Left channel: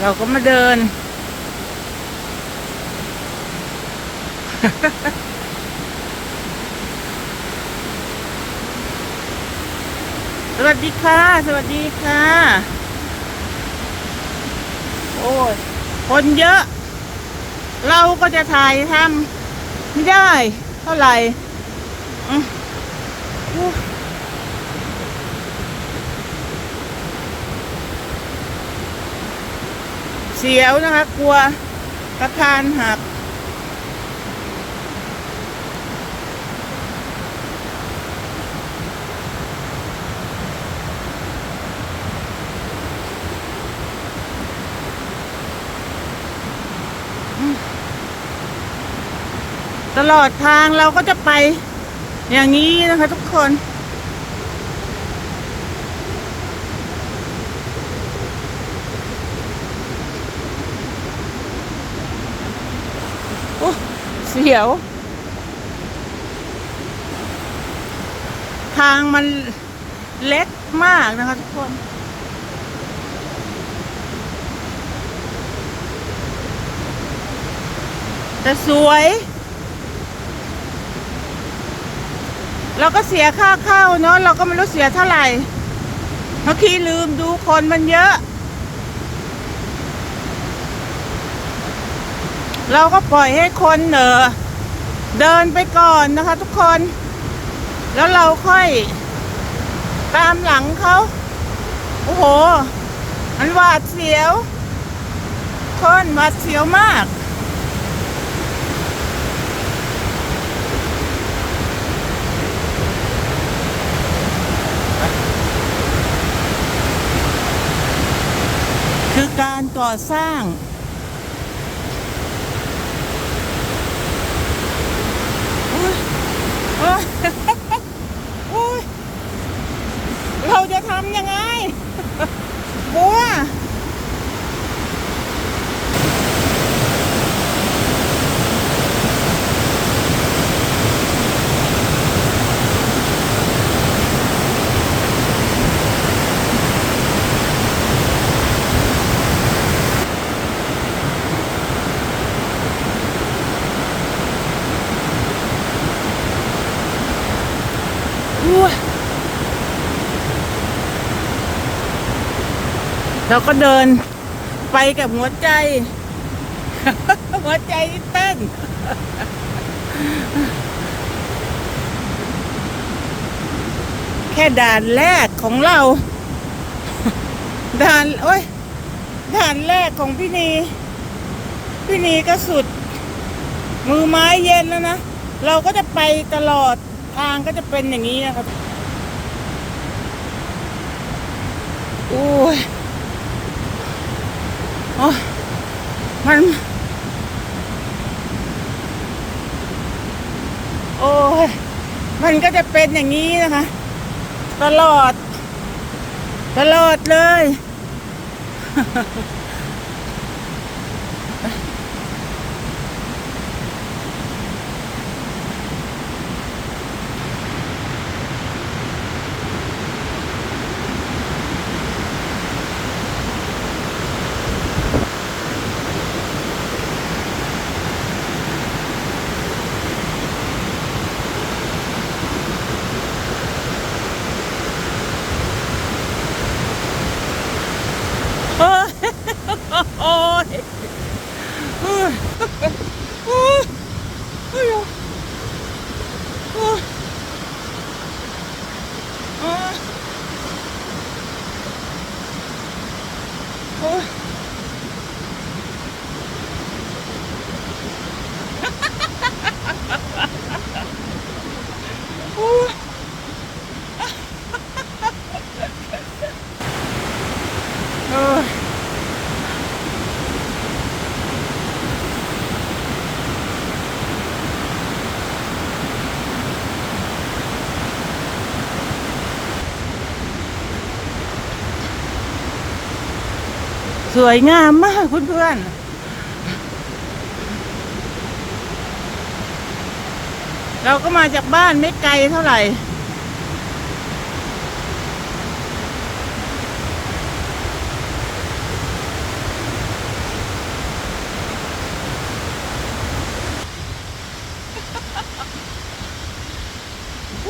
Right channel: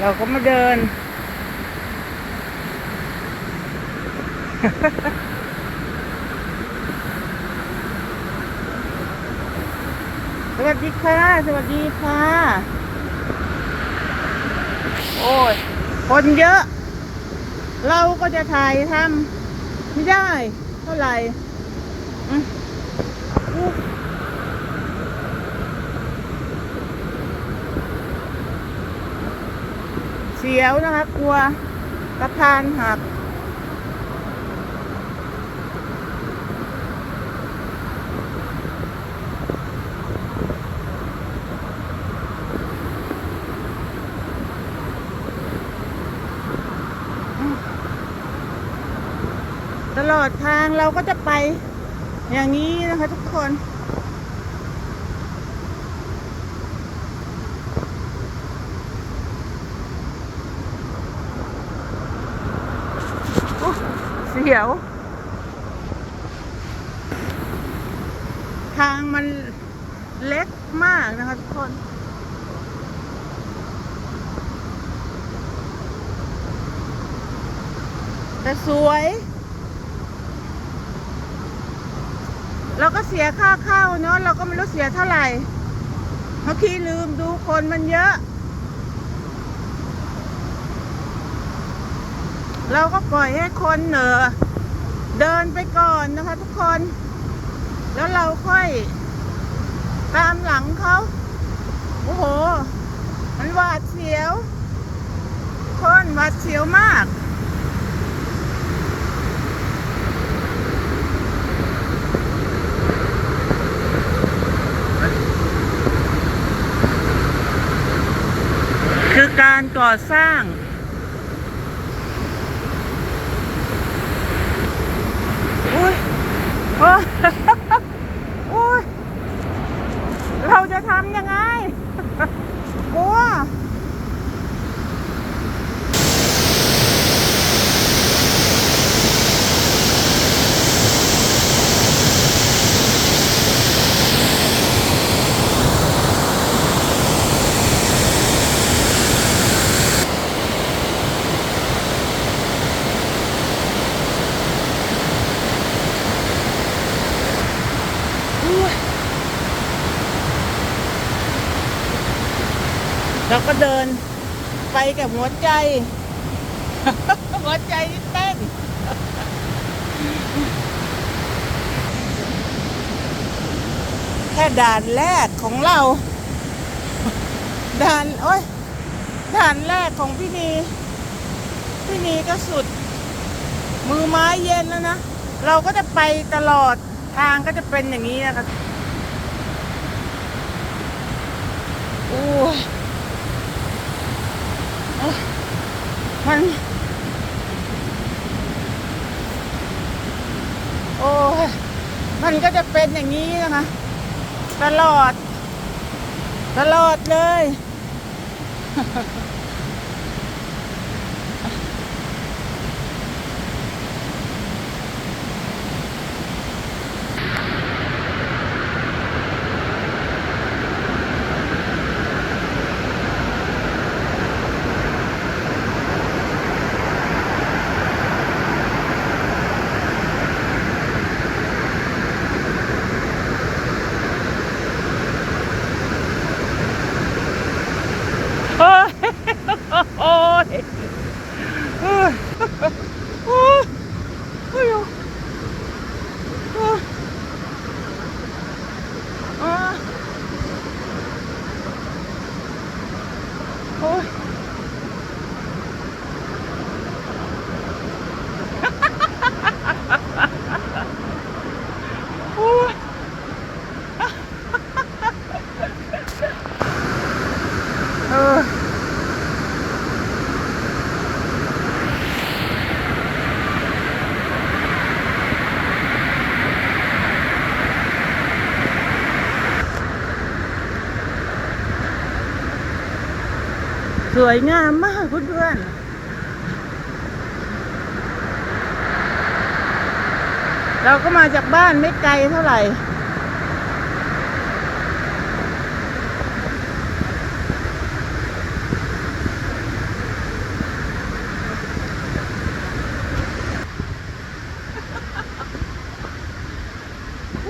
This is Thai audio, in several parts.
เราก็มาเดิน สวัสดีค่ะ สวัสดีค่ะ โอ้ย คนเยอะ เราก็จะถ่ายทำไม่ได้ เท่าไหร่อือ เสียวนะคะ กลัวกระทานหักตลอดทางเราก็จะไปอย่างนี้นะคะทุกคน สียว ทางมันเล็กมากนะคะทุกคน แต่สวย เราก็เสียค่าเข้าเนาะเราก็ไม่รู้เสียเท่าไหร่ เมื่อกี้ลืมดูคนมันเยอะ เราก็ปล่อยให้คนเออเดินไปก่อนนะคะ ทุกคน แล้วเราค่อย ตามหลังเขาโอ้โห มันหวาดเสียว คนหวาดเสียวมากคือการก่อสร้าง เราก็เดินไปกับหัวใจ หัวใจเต้นแค่ด่านแรกของเรา ด่านโอ้ยด่านแรกของพี่นีพี่นีก็สุด มือไม้เย็นแล้วนะ เราก็จะไปตลอดทางก็จะเป็นอย่างนี้นะคะอู้ มัน โอ้ยมันก็จะเป็นอย่างนี้นะคะ ตลอด ตลอดเลย วยงามมากเพื่อนๆเราก็มาจากบ้านไม่ไกลเท่าไหร่ โ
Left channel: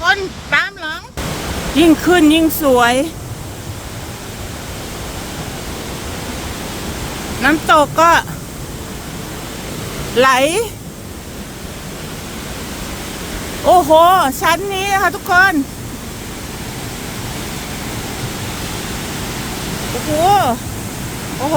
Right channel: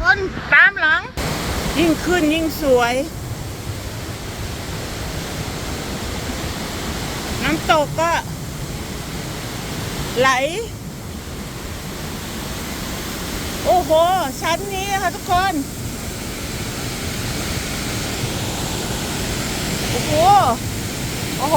คนตามหลัง ยิ่งขึ้นยิ่งสวย น้ำตกก็ ไหล โอ้โห ชั้นนี้นะคะทุกคน โอ้โห โอ้โห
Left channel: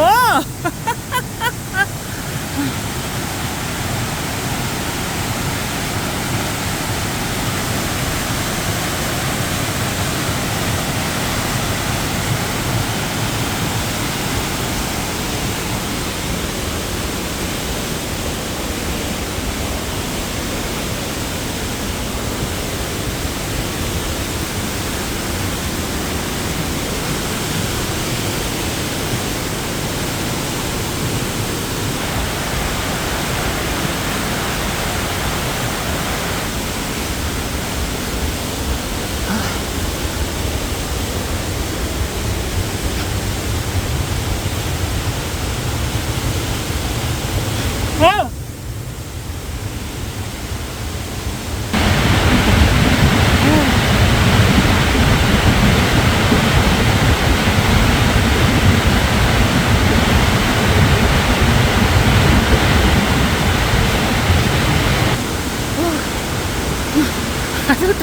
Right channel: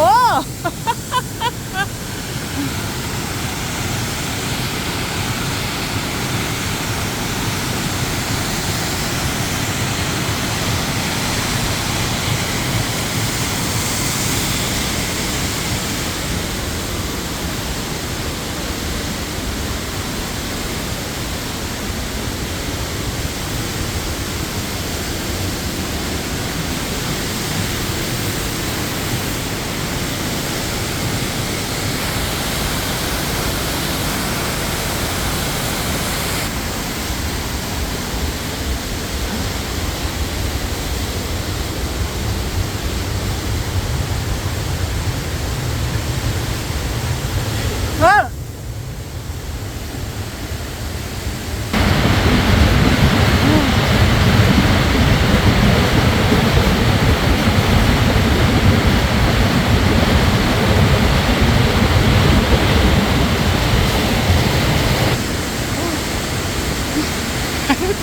เฮ้อ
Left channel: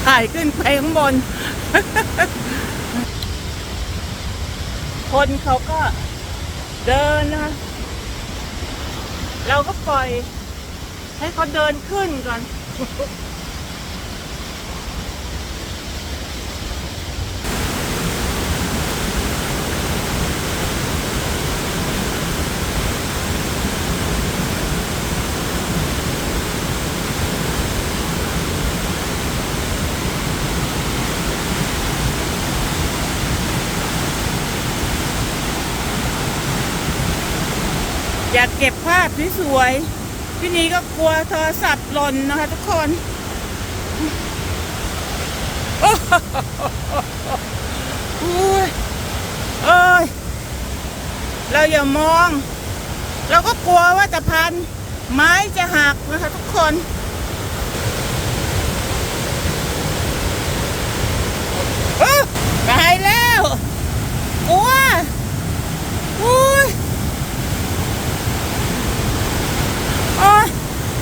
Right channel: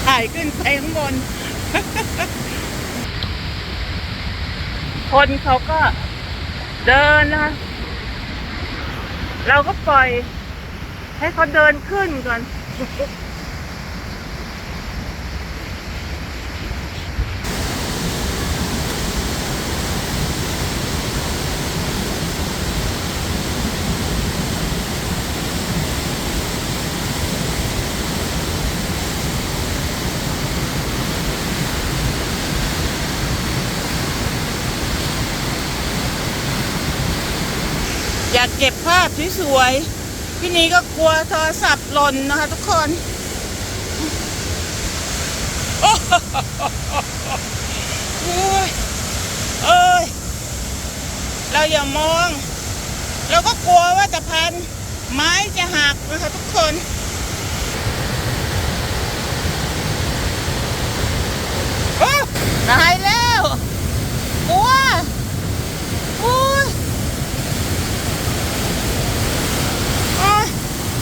ถ่าย ข้างบน คนเขาก็เดินนะ เราก็ปล่อยให้เขาเดินขึ้นก่อน เก็บภาพสวยๆที่นี้ก็กลัวโทรศัพท์หล่นนะคะทุกคนโอ้ยเอ้ยเราอย่ามอง เราก็กลัวว่าจะพัน ไม้จะหักนะคะทุกคน เอ้อตายแล้วกลัวอุ้ย โอ้ย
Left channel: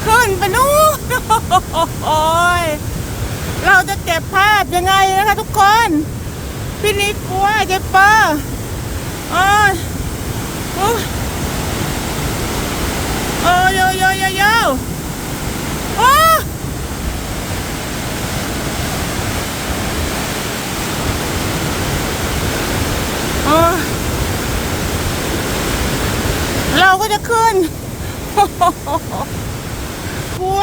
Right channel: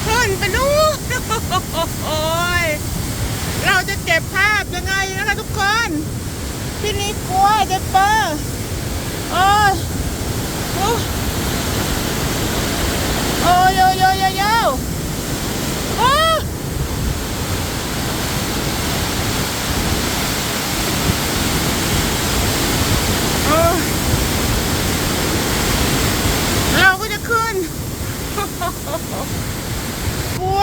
ขึ้นไปนู่น โอ้ยเราจะเก็บภาพยังไงนะ คะทุกคนพี่นี้กลัวเจ็บป้าโอ้ยโอ้ยโอ้ยโยโยโยยโอ้ยโอ้เราก็จะขึ้นกลัว